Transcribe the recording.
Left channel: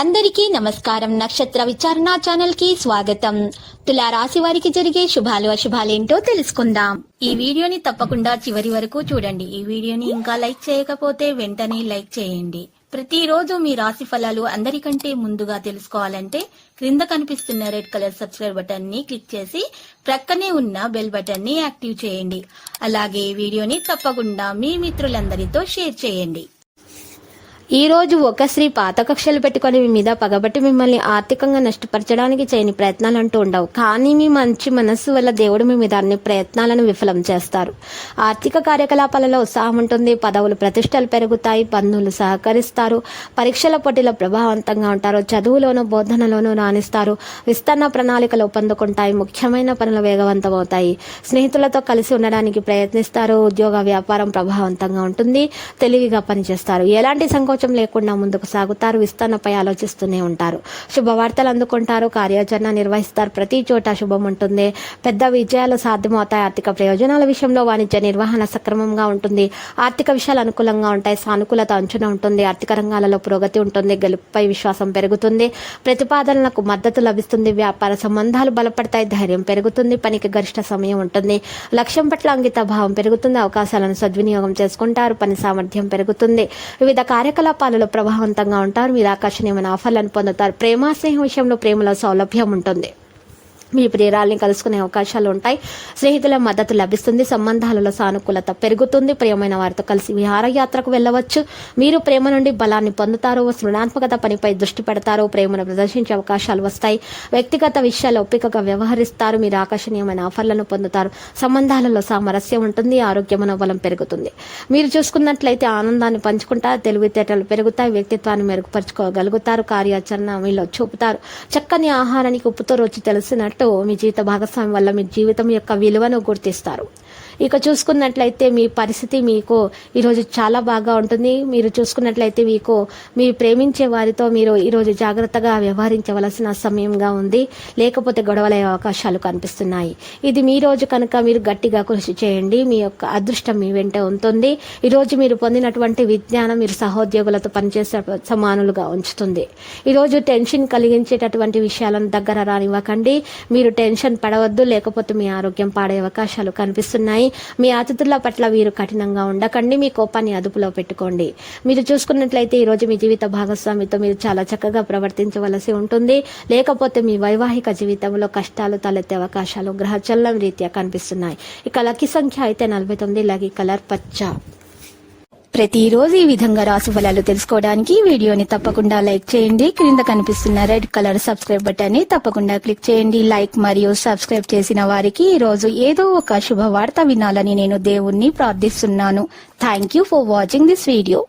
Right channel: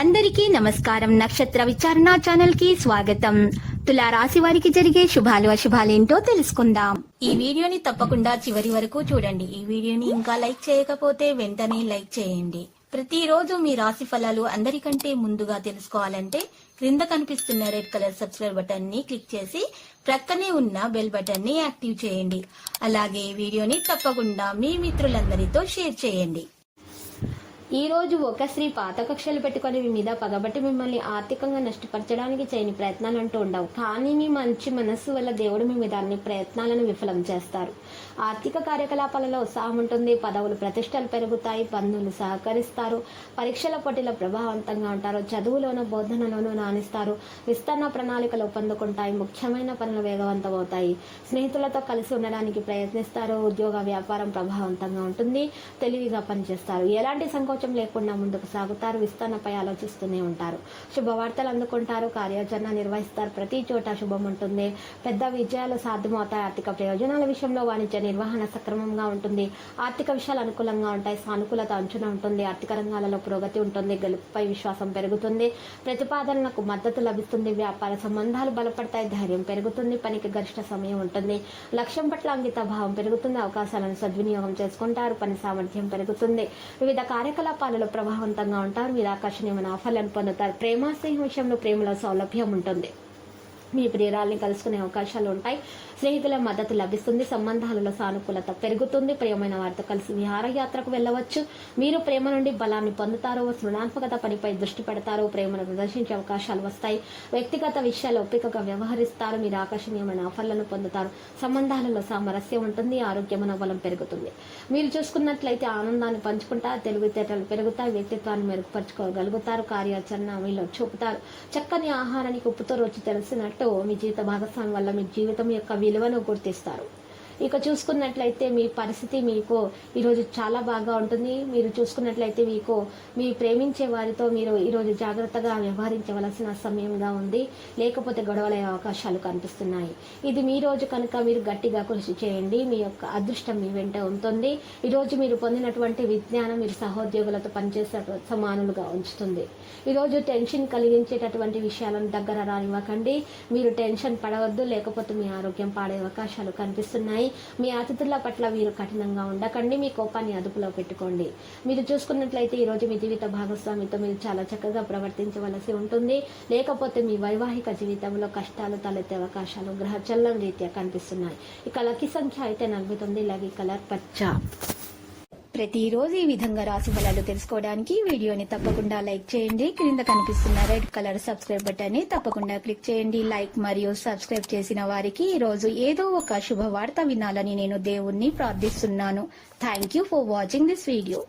అందరికీ నమస్కారం. నక్షత్ర విచారణ ఛానల్ కి స్వాగతం. తులా రాశి వారికి జరిగే శుభాలు అశుభాలేంటో తెలుసుకుందాం. ఈ వీడియోని తప్పకుండా చివరి వరకు చూడండి. ఈ వీడియోని ఇంకా లైక్ చేయకపోతే వెంటనే లైక్ చేయండి. ప్రతిరోజు మీ రాశి ఫలాలు అందరికంటే ముందుగా తెలుసుకోవాలంటే క్రింద కనిపిస్తున్న రెడ్ కలర్ సబ్స్క్రైబ్ బటన్ ని క్లిక్ చేసి ప్రక్కనే ఉన్న బెల్ బటన్ ని యాక్టివ్ చేయండి. అలాగే ఈ వీడియోని తప్పకుండా మీ మిత్రులందరితో షేర్ చేయండి. ఈ రోజు ఒక స్త్రీ పాత కక్షలు పెట్టుకుని మీ మీద పగబట్టి మిమ్మల్ని ఆర్థికంగా నష్టపరచడానికి చేయని ప్రయత్నాలు అంటూ ఉండవు. కానీ మీ మంచి మనస్సు వల్ల దేవుడు మీ మీద అన్ని ప్రయత్నాలను విఫలం చేస్తారు. ఆర్థిక కార్యకలాపాలలో ఉత్సాహం ఉంటుంది. పదవులు ప్రతిష్టలు పెరుగుతాయి. బంధువులు సహకరిస్తారు. పరీక్షల పోటీలో ప్రభావవంతంగా ఉంటారు. చదువులోనూ బోధనలోనూ రాణిస్తారు. విస్తరణ ప్రణాళికలు పొందుకుంటాయి. ముఖ్యమైన పనులు వేగవంతమవుతాయి. స్నేహితులతో కలిసి ఉండడానికి ప్రయత్నిస్తారు. ఉద్యోగ వ్యాపారం ప్రభావవంతంగా ఉంటుంది. తెలివిగా పనిచేస్తారు. ఎలాంటి సంకోచం లేకుండా ముందుకు సాగుతారు. విస్తరణపై ఆలోచిస్తూనే ఉంటారు. శుభవార్తలు అందుకుంటారు. కార్యాచరణ నిర్వహిస్తారు. ప్రతి చోట శుభం ఉంటుంది. పెద్ద విజయాలు సాధ్యమవుతాయి. ఆర్థిక ప్రయోజనాల విషయంలో వాణిజ్య నిర్వహణ సక్రమంగా ఉంటుంది. ఆర్థిక విషయాలు అనుకూలంగా ఉంటాయి. సానుకూలత అంచున ఉంటుంది. ఆర్థిక రంగాలలో పురోగతి ఉంటుంది. గెలుపుపై విశ్వాసం పెరుగుతుంది. ప్రతిపాదనలకు మద్దతు లభిస్తుంది. వ్యాపార సంబంధాలు బలపడతాయి. ధైర్యం పెరుగుతుంది. పనికి గరిష్ట సమయం ఉంటుంది. లక్ష్యం పట్ల అంకిత భావం పెరుగుతుంది. అవకాశాలను సద్వినియోగం చేసుకుంటారు. పని సామర్థ్యం పెరుగుతుంది. వివిధ కార్యకలాపాలలో ప్రభావవంతంగా ఉంటారు. మీరు ఆకర్షణీయమైన ఆఫర్లను పొందుతారు. ప్రేమ స్నేహం విషయంలో ప్రేమలో సౌలభ్యం ఉంటుంది. మీ ప్రియురాల్ని కలుసుకునే అవకాశాలు ఉంటాయి. స్నేహితుల మద్దతు లభిస్తుంది. సంబంధాలలో సానుకూలత పెరుగుతుంది. ప్రియమైన వారితో కలిసి విహారయాత్రకు వెళ్ళవచ్చు. మీరు ప్రేమ నుండి బలాన్ని పొందుతారు. సృజనాత్మకత పనిపై దృష్టి పెడతారు. ప్రేమను ప్రదర్శించే అవకాశాలు వస్తాయి. వ్యక్తిగత విషయాల్లో ఒప్పికగా వ్యవహరిస్తారు. మీరు ఆకర్షణీయమైన ఆఫర్లను పొందుతారు. సంబంధాలలో సామరస్యం ఉంటుంది. ఆరోగ్య మనోబలం పెరుగుతుంది. మీరు చూసుకున్నట్లయితే ఆనందాన్ని పంచుకుంటారు. తెలివితేటలు పెరుగుతాయి. వ్యక్తిత్వాన్ని మెరుగుపరుచుకోగలుగుతారు. కార్యాచరణ మీలో చూపుతారు. చక్కని ఆహారానికి ఉప్పుతో రుచి తెలిసినట్టు మీ జీవిత భాగస్వామి వల్ల మీ జీవితం యొక్క విలువను గుర్తిస్తారు. ఇక చూసుకున్నట్లయితే మీ పరిస్థితి మీకు ఈరోజు చాలా బాగా ఉంటుంది. మీరు చూసుకున్నట్లయితే మీరు ప్రేమించే వారితో మీరు ఈరోజు జాగ్రత్తగా వ్యవహరించవలసిన సమయంగా ఉంది. లేకపోతే గొడవలయ్యే అవకాశాలు కనిపిస్తున్నాయి. ఇది మీ రోజు కనుక మీరు గట్టిగా కృషి చేయండి. మీ యొక్క అదృష్టం మీ వెంట ఉంటుంది. ఈరోజు మీరు పొందినటువంటి విజ్ఞానం మీరు సహోద్యోగులతో పనిచేసే సమానులుగా ఉంచుతుంది. ఈరోజు టెన్షన్ కలిగించేటటువంటి విషయాలను దగ్గర రానివ్వకండి. మీరు టెన్షన్ పడవద్దు. లేకపోతే మీ ఆరోగ్యం పాడే అవకాశాలు కనిపిస్తున్నాయి. మీ అతిథుల పట్ల మీరు కఠినంగా ఉండకండి. మీ కోపాన్ని అదుపులో పెట్టుకోండి. మీరు చూసుకున్నట్లయితే ఈరోజు మీ జీవిత భాగస్వామితో మీరు చాలా చక్కగా ప్రవర్తించవలసి ఉంటుంది. లేకపోతే మీ వైవాహిక జీవితంలో కష్టాలు తలెత్తే అవకాశాలు గ్రహచలనం రీత్యా కనిపిస్తున్నాయి. ఇక లక్కీ సంఖ్య అయితే 49. లక్కీ కలర్ పచ్చ. ప్రతిరోజు ఈ విధంగా రాశి ఫలాలు తెలుసుకోవడానికి వీడియోని తప్పకుండా లైక్ చేయండి. క్రింద కనిపిస్తున్న రెడ్ కలర్ సబ్స్క్రైబ్ బటన్ ని తప్పకుండా క్లిక్ చేయండి. లైక్ మరియు సబ్స్క్రైబ్ చేసిన వారికి ఈ రోజు ఏదో ఒక శుభవార్త వినాలని నేను దేవుణ్ణి ప్రార్థిస్తున్నాను. Thank you for watching this video.